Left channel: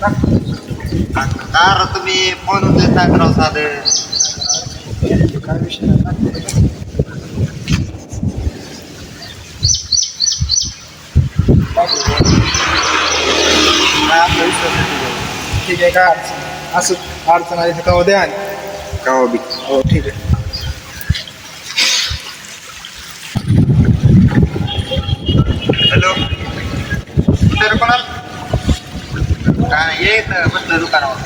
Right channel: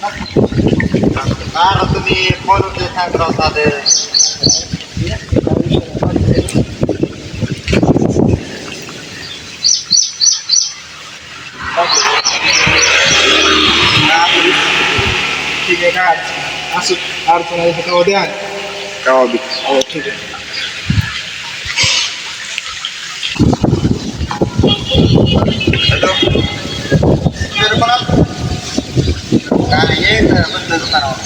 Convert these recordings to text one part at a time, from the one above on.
Car तुम्ही phone उचलत नाही करावं साधं. काय विषय नाही बाकी ठीक आहे. काय अडचण असं अडचण आली तर कवा द्या कवा बी. हो ठीक आहे. हॅलो तर कोणाला काय येत बसलं दुकानावर.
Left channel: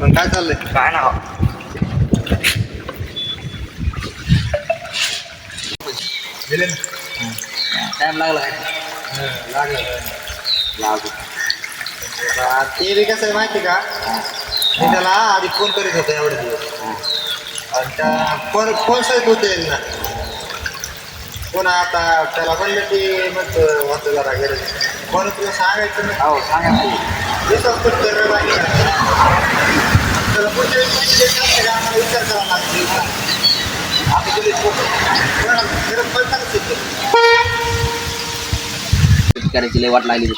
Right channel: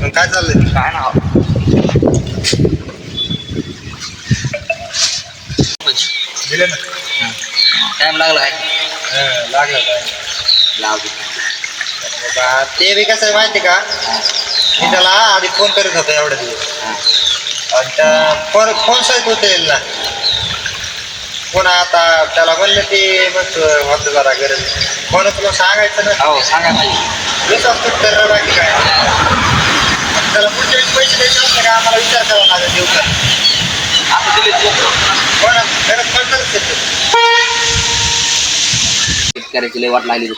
पण काय चाललंय काय ना दिले ना. टाइम लागला काय लागलं लागू बाबा. ते बी कसं आहे माहिती का, मी त्याला आधी फोन करीत होतो एवढे दिवस आणि त्या फोन सहित होते ना पुन्हा आता त्याला म्हणलं ते मग होतं जरा गरज फोन तुला सांगायचं ना. हो सांगा पाहिजे विश्वास कुठं तर बाकी काय त्याला पुढच्या वेळेस पैसे द्यायचे असते का आम्हाला विचार करावा लागेल देऊ का आता दिले पण गरज पडणारच शेतकऱ्याची लय वाट लागली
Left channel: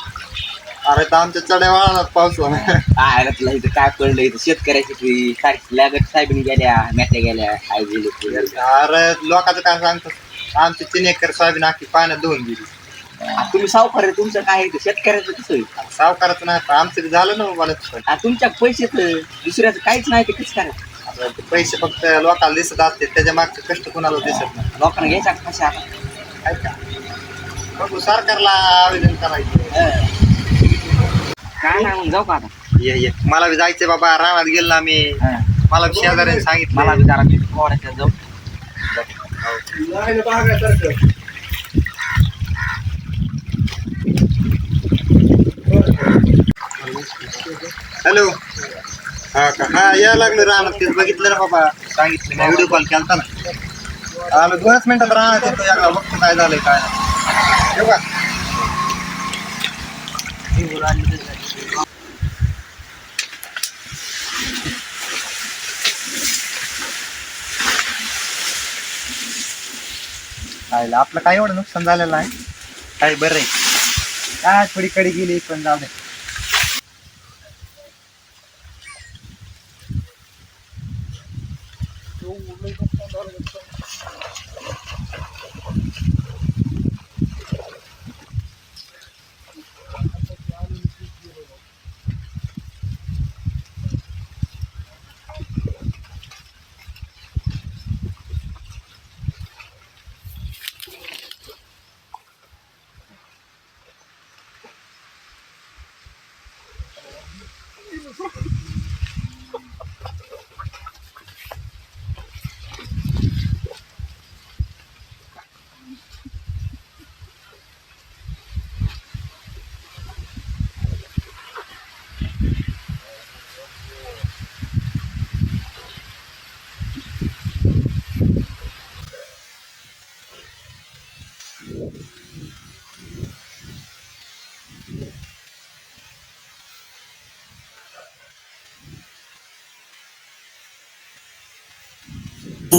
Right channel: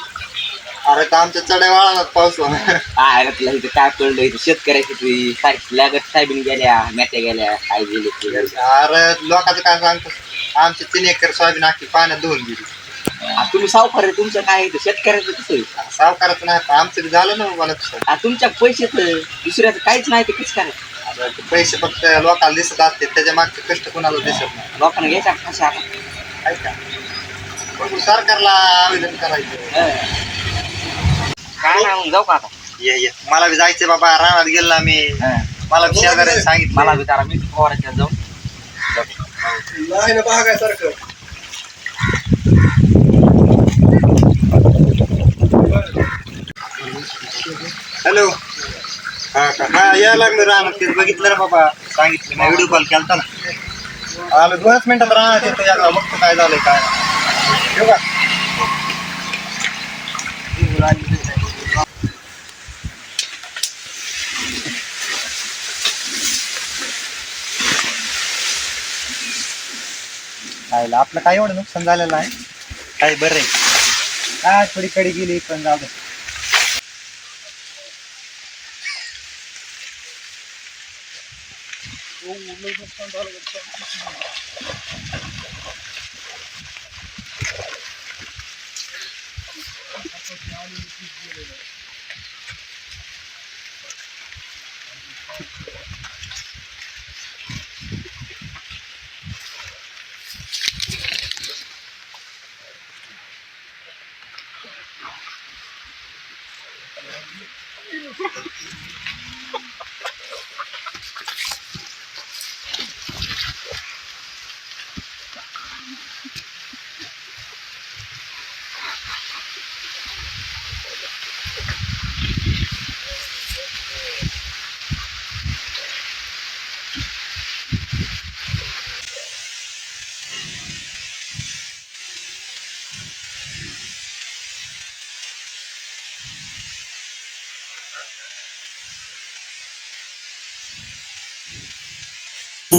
अरे तर आमच्या चढ्या वाळाला पाऊस काय तुला इथं काय पडलं इथं शेतकऱ्याची तुझी काय लागत साहेबीन गेल्या मेट्या गेल्या काय गेले अरे लोकांचं काय सांगतो आमची 3 एकर सोयाबीन आखी पाण्यात धुवून गेली. तुम्ही सावकार आहे तुमचं काय इथं शेतकऱ्याचं कसं होईल? सावकाराचं नाही पण आमचं बी झालं ना मला तसं. तुमच्या पैसे तर दुसऱ्याचं काहीच नाही ते कसं करायचं? आता ते पैसे फक्त लोकांना दिसत असते त्याच्या मागचे कष्ट कोणाला दिसत नाही. लोकांना घ्यायचा कशा आता काय का बघू सरकारला आवेदन करायचं. काय नाही मग जाऊ का आता? ये मला बी जायचंय बाबा रानात गेलो ना मी. मला बी शेजाऱ्याने सांगितलं मला बी जरा मी फवाराच्या जाऊ नाही ना बघायसारखं. हॅलो हा का हा या लागलं रानात तेच बघितलं ना बाबा सांगितलं ना व्हिडिओ कॉल केलता ना. आलो 2च मिनिटात रानात येतो एकदा बघतो काय झालंय काय नाही. येऊ का खायला आपलं काय एवढं नुकसान झालेलं आहे काय बरं आहे काय थोडी कडी गेली पण जाऊ दे.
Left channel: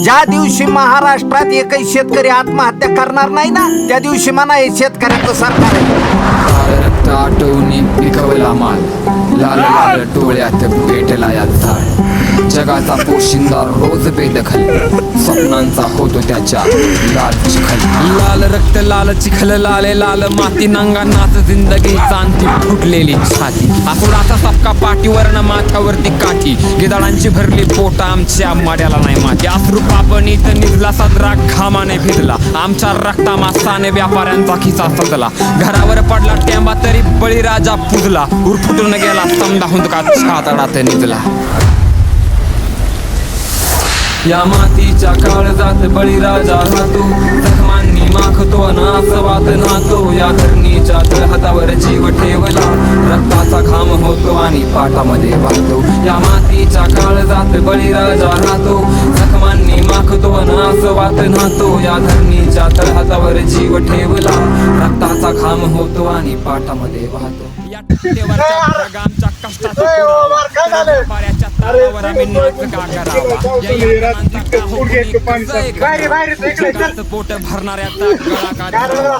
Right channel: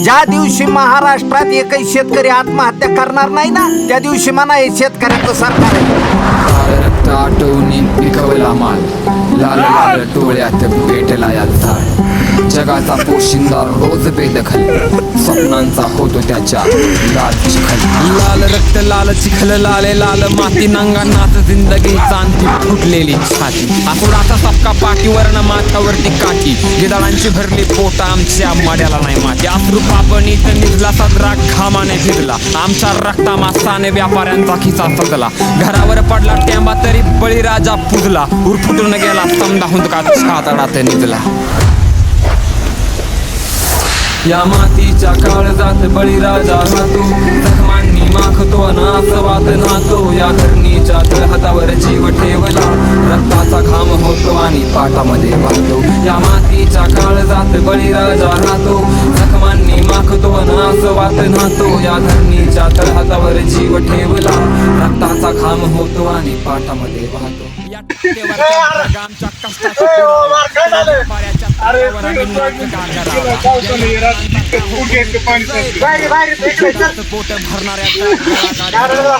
ज्या दिवशी महाराष्ट्रात एकही शेतकरी आत्महत्या करणार नाही ना त्या दिवशी म्हणा हे शेतकऱ्यांचं सरकार आहे. रक्त आटवून पिकवला माल लाल लाल डोळ्यात पेटला या झाड जगाचा पोशिंदा रोज बेदखल स्वप्नांचा होतो त्याच्या लाल चिखल लाल रक्त लाल चिखल लाले लाल माती नांगा नाच जिंदगीचा अंती फुटलेली छाती आकुडाचा सपका पाठीवर न माथ्यावरती काठी गिदाळांची भरली पोटा आमच्या माड्याला नाही माती अश्रू पापणीत निघला सदरा घामाने भिजला आमच्या रक्ता मासाने व्यापाऱ्यांचा खिसा सजला घरावर पडला टेंबा तरी बळीराजा पुजला उरफुटून गेला समदा हुंदका छातडात निजला या मातीच्या काळजात बळीराजा राहतो जखमांनी माखतो नासवात नाहतो या धरणीच्या तळहातावर जीव ठेवला रक्ताचा घाम होतो आणि पाटामध्ये वाहतो या मातीच्या काळजात बळीराजा राहतो जखमांनी माखतो नासवात नाहतो या धरणीच्या तळहातावर जीव ठेवला रक्ताचा घाम होतो आणि पाटामध्ये वाहतो या टक्केवरच्या ढगांच्या कष्टाचा पुरावा. व्यापाऱ्याच्या तारावर आम्ही नाच का करावा. या यंत्रांचा का हो पोटाचं पोट भरणाऱ्याचा गळा काढावा.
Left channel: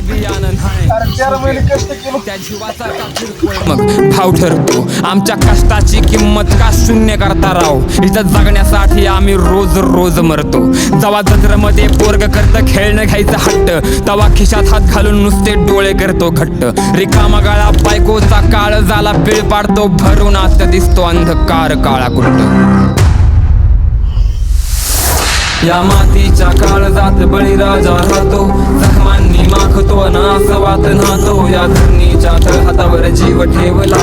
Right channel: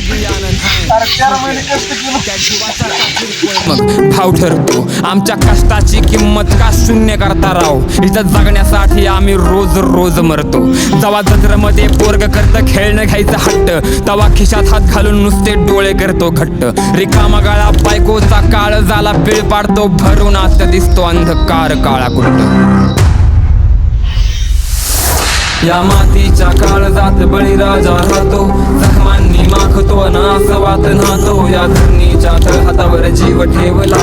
बियाणं नाही त्या जीवाचा का किरकोळ मग भाव ठरतो. आमच्या कष्टाची किंमत का शून्य करता राव. इथं जगण्यासाठी आम्ही रोज रोज मरतो. जेव्हा जत्रेमध्ये पोरग करतं खेळणं घ्यायचं हट्ट, तवा खिशात हात घालून नुसते डोळे करतो घट्ट. रिकामा गाळा बायकोचा काळ झाला पिळ पाडतो. भरून आत दिसतो अंधकार काळा कुट्ट. या मातीच्या काळजात बळीराजा राहतो. जखमांनी माखतो नासवात नाहतो. या धरणीच्या तळहातावर जीव ठेवला.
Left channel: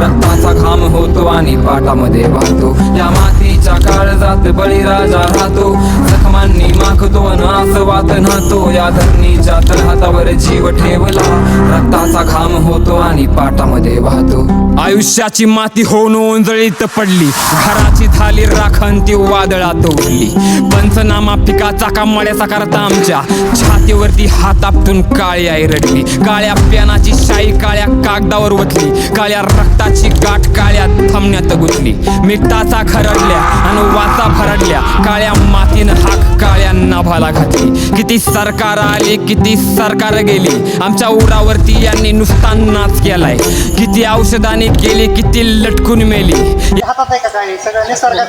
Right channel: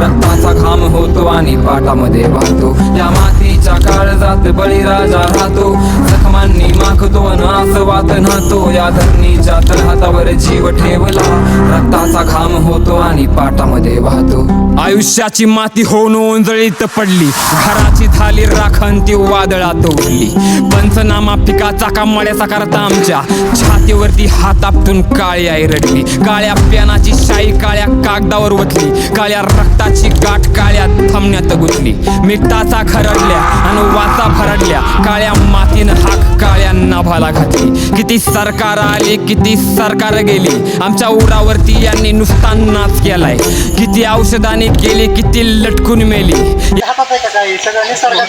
रक्ताचा घाम होतो आणि पाटामध्ये वाहतो. या मातीच्या काळजात बळीराजा राहतो. जखमांनी माखतो नासवात नाहतो. या धरणीच्या तळहातावर जीव ठेवला. रक्ताचा घाम होतो आणि पाटामध्ये वाहतो. आयुष्याची माती होऊन ओंजळीत पडली. घराची झाली राखण ती वादळात उडली. पंचनामा पिकाचा कामड्याचा करता आमच्या छातीवरती हात आपटून काळी आई रडली. काळ्या पेनाची शाई काळ्या कागदावर ओतली. काळ्या रक्ताची गाठ काळ्या थमण्यात गुंतली. मिठाचा खरडल्या आणि वाचा भरडल्या. काळ्या मातीनं हाक काळ्या नाभाला घातली. किती सरकार आली किती सरकार गेली. आमच्या उरावरती यांनी नुसता नाच केलाय. किती औषधाने केली किती लटकून मेली. हातात आहे का काही सगळं निसर्गात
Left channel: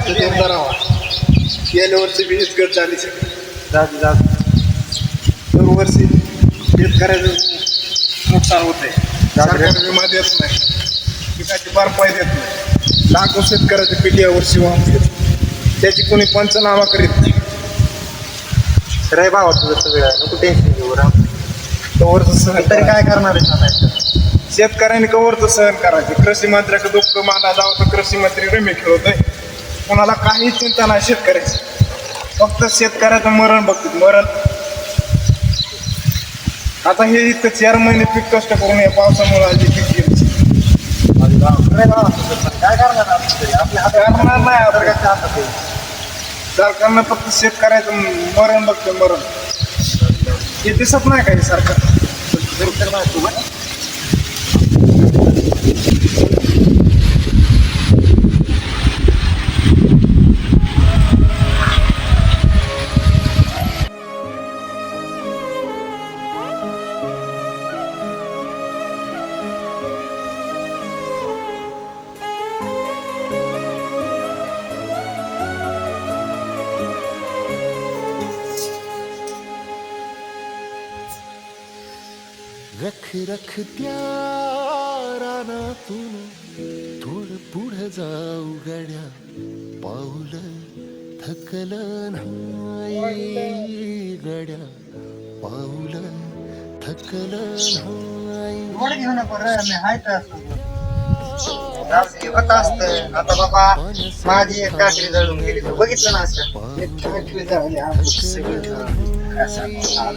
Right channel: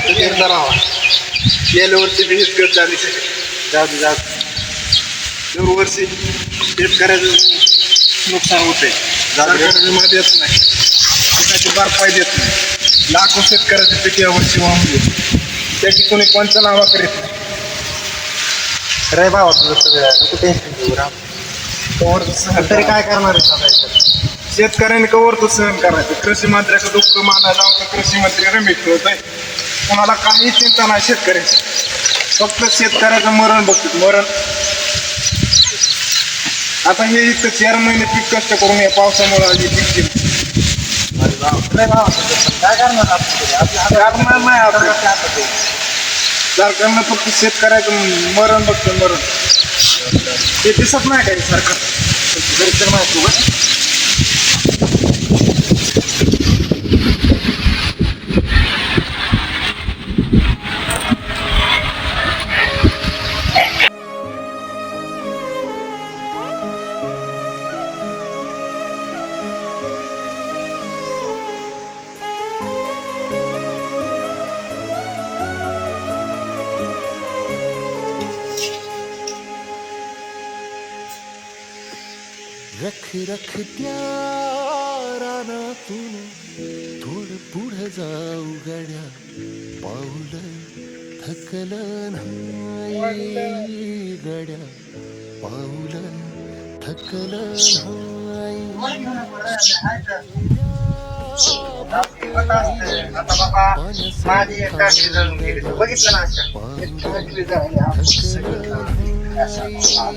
गेल्या वर्षी बी हिचकत झाली सगळी. जाऊ दे. दरवर्षी शेतकऱ्याचं नुकसान होते. सरकार विमा देत नाही. पिकाची भरपाई देत नाही. लाखो शेतकऱ्याचे पीक यावर्षी वाहून गेले. त्याची कोणी पंचनामा करीत नाही. रे भावा तुझं सगळं नको टेन्शन घेऊ राम. कवरचं सहन तरी करा. काय करणार आहे आता? शेतकऱ्यांनी कवरचं सहन करायचं. कृषी मंत्र्याचं दुःख माना जावं तर कृषी मंत्री रमी खेळत आहे. कोणाला काही चिंता नाही शेतकऱ्याची. फक्त शेतकऱ्याचं मरण बघतात मरण. आता हे इतकं 4 महिने पीक कष्ट करून या पावसामुळे आली पीक गेली. काय करणार आपल्या करणार नाही आता. हातात आहे. सरकारनं फक्त शेतकऱ्याचं मरण बघतं मरण. ते दिसत नाही काही सरकार. तर माहिती तुला रख रख त्या रानातून थोडं पुढं जाऊ गड्या. पाऊल थकलं नाही गड्या. पाऊल थकलं नाही. आता बाबा माझी एक काठी जळून गेली. तू बघितलं ना असं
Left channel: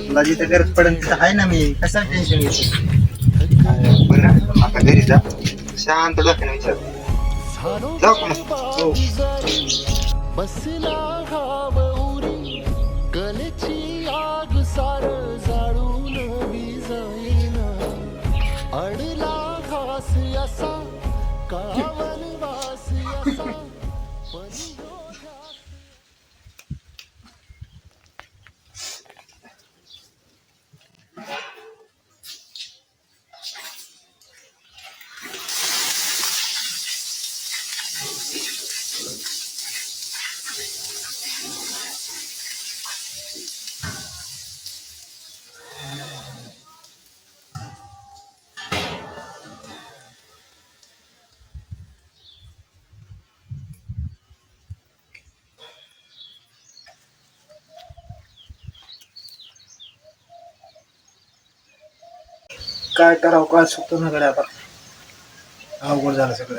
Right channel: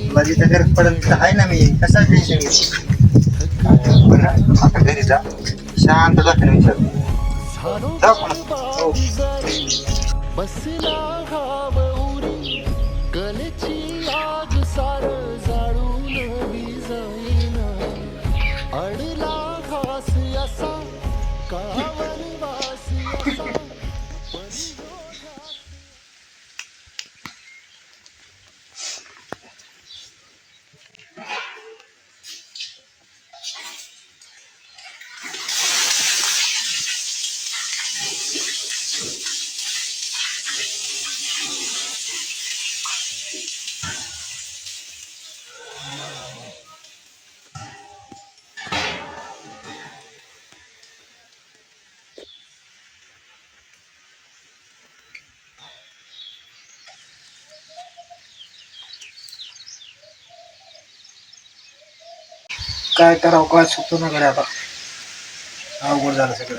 तुला जिथं गरज पडेल तिथं आहे ना मी. कशाला टेन्शन घेतो. बरं आता घरी जा शांत डोक्याने विचार. जाऊ का मग? हो. बसला घावरी कलेची आग सार जाळून विजाईना. अडला घास असा कावन वास असा. काय करावं काय सुचतो ना कडे आता. अवघड झालं सगळं.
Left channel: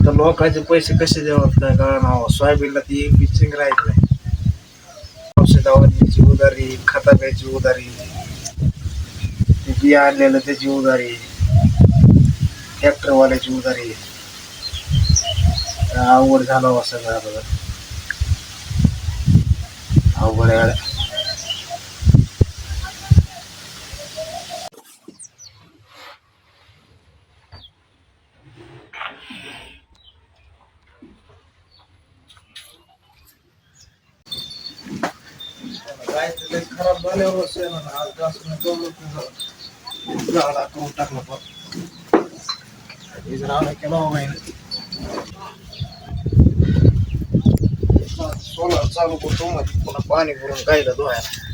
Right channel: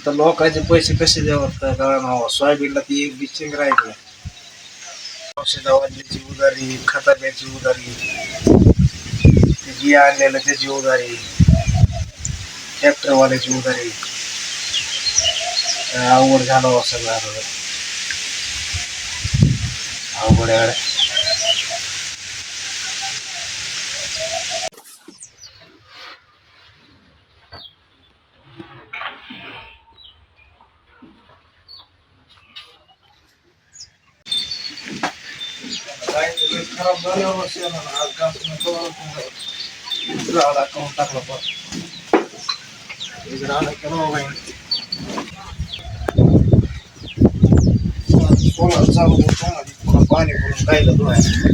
आता लोकांचे पैसे कसे द्यावं काय कळणार. सोयाबीनला ती एक बिचिंग राहिली नाही. औषधावरची उधारी, खताब्याची उधारी, बिया आणलेलं त्याची उधारी, ट्रॅक्टरवाल्याची उधारी. अवघड झालं सगळं आता. अवघड आहे. काय ते लय खराब झाल्यावर शेणानं आज घासून कवळत झाडा करून टाकला पण राडा केला हो बाई सोलार चालू करतो मध्ये पुन्हा पाणी भरून गायला धुवायला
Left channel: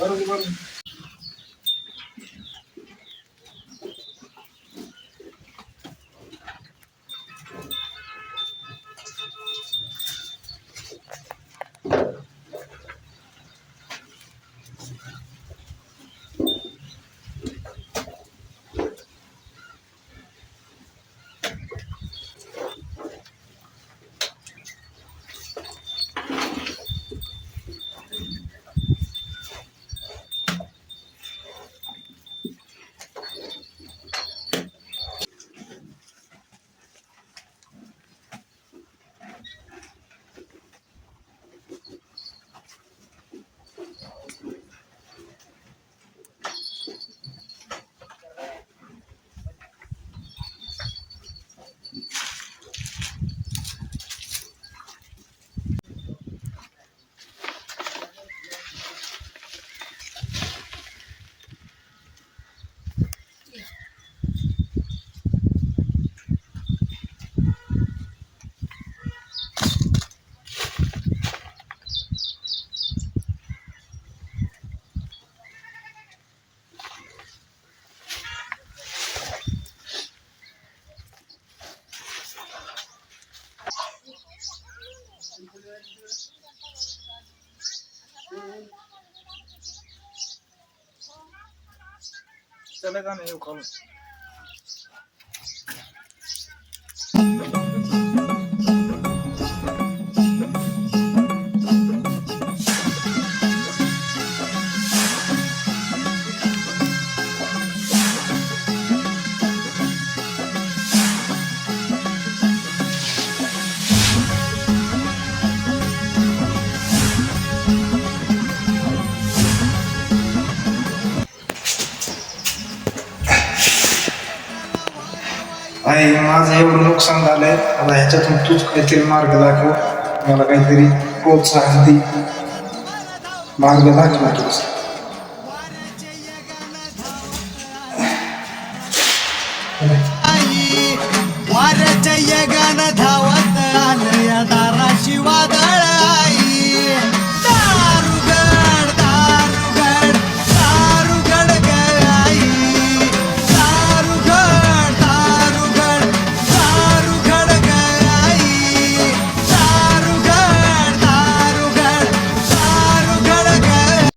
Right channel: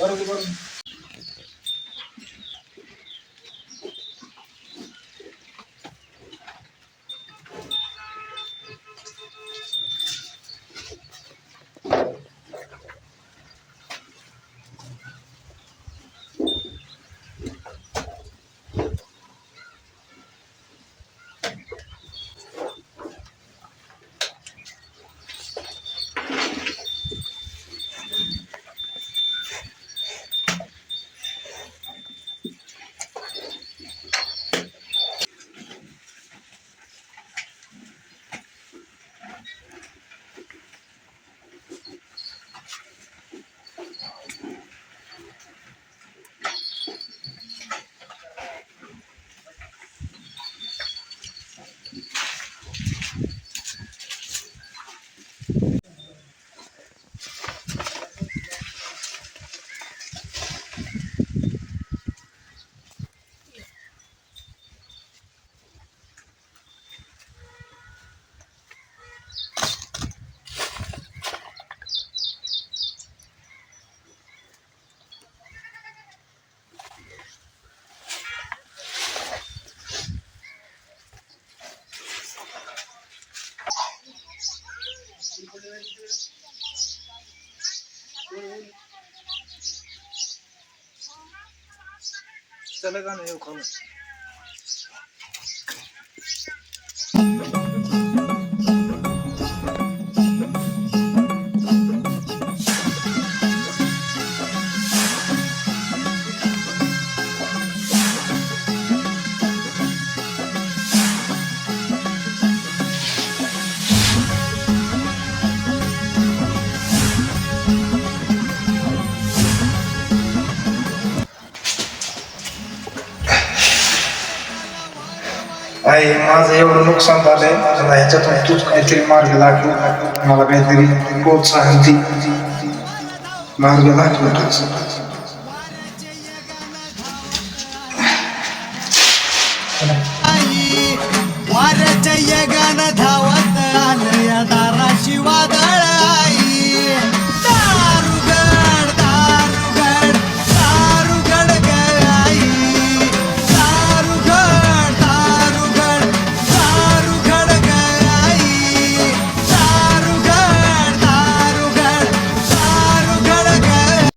बरोबर चला का नाही खाऊन आई माझं एवढं नुकसान झालंय तर ह्याच्यातून तूच काहीतरी मार्ग दाखव मला काहीतरी प्रोत्साहन दे मार्ग दाखव तूच वाऱ्याच्या